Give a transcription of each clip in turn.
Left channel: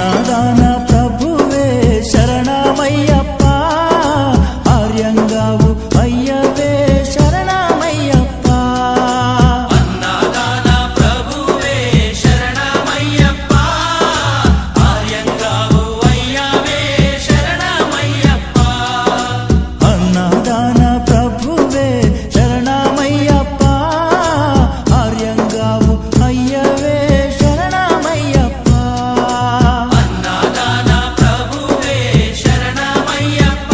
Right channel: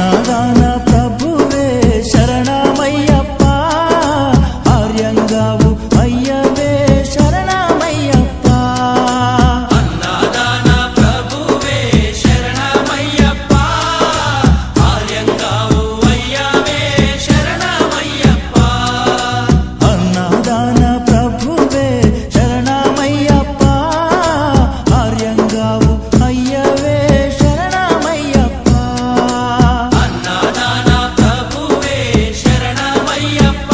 అన్నదాన ప్రభువే శరణమయ్యప్ప, ఆర్యంగావు అయ్యవే శరణమయ్యప్ప. అన్నదాన ప్రభువే శరణమయ్యప్ప, ఆర్యంగావు అయ్యవే శరణమయ్యప్ప. అన్నదాన ప్రభువే శరణమయ్యప్ప, ఆర్యంగావు అయ్యవే శరణమయ్యప్ప. అన్నదాన ప్రభువే శరణమయ్యప్ప,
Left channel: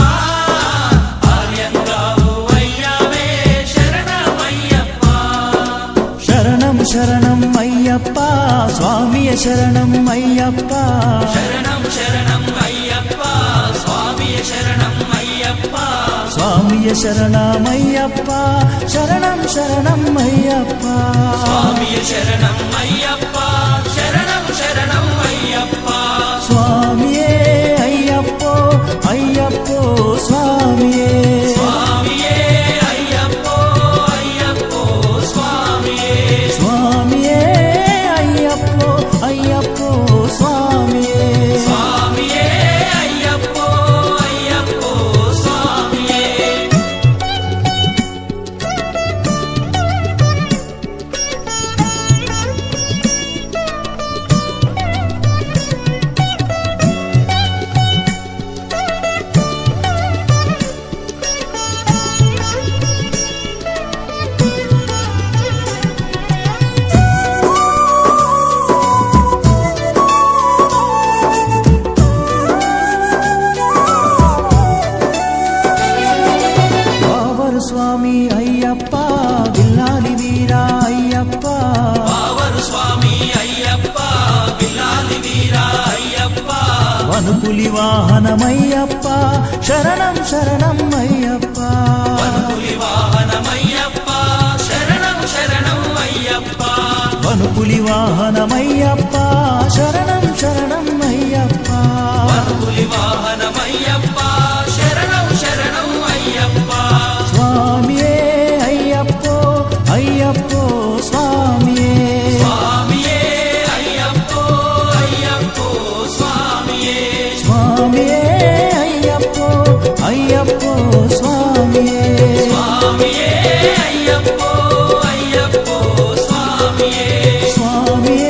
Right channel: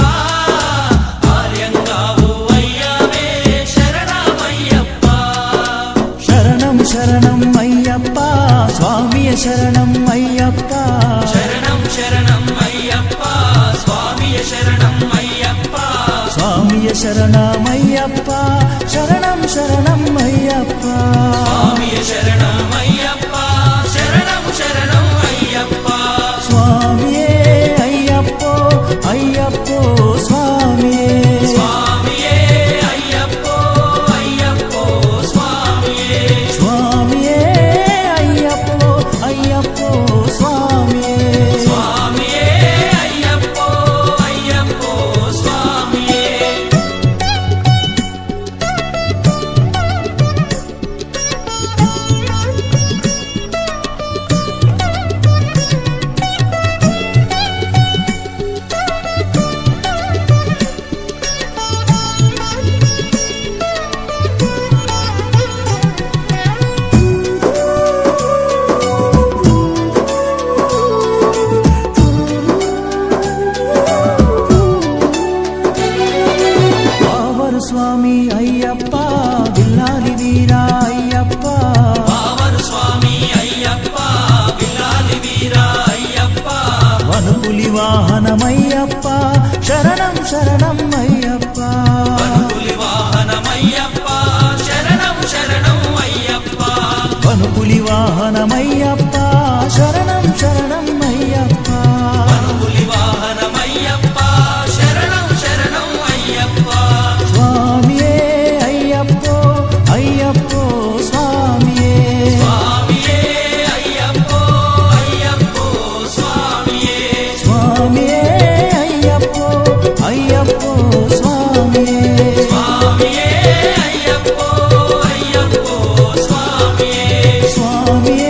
ఆర్యంగావు అయ్యవే శరణమయ్యప్ప. శరణం శరణం అయ్యప్ప స్వామియ శరణం అయ్యప్ప. శరణం శరణం అయ్యప్ప స్వామియ శరణం అయ్యప్ప. స్వామియ శరణమయ్యప్ప, శరణం శరణం అయ్యప్ప. స్వామియ శరణం అయ్యప్ప, శరణం శరణం అయ్యప్ప. స్వామియే అయ్యప్పో అయ్యప్పో స్వామియే. స్వామియే అయ్యప్పో అయ్యప్పో స్వామియే. స్వామియే అయ్యప్పో అయ్యప్పో స్వామియే. స్వామియే అయ్యప్పో అయ్యప్పో స్వామియే. వావరు స్వామి అయ్యప్ప, విల్లాలి వీరా అయ్యప్ప. పావను స్వామి అయ్యప్ప, విల్లాలి వీరా అయ్యప్ప. వనుపులి వాహనమయ్యప్ప, శరణం శరణం అయ్యప్ప. పులి వాహనమయ్యప్ప, శరణం శరణం అయ్యప్ప. వనుపులి వాహనమయ్యప్ప, శరణం శరణం అయ్యప్ప. పులి వాహనమయ్యప్ప, శరణం శరణం అయ్యప్ప. స్వామియే అయ్యప్పో అయ్యప్పో స్వామియే. స్వామియే అయ్యప్పో అయ్యప్పో స్వామియే. స్వామియే అయ్యప్పో అయ్యప్పో స్వామియే. స్వామియే అయ్యప్పో అయ్యప్పో స్వామియే. స్వామియే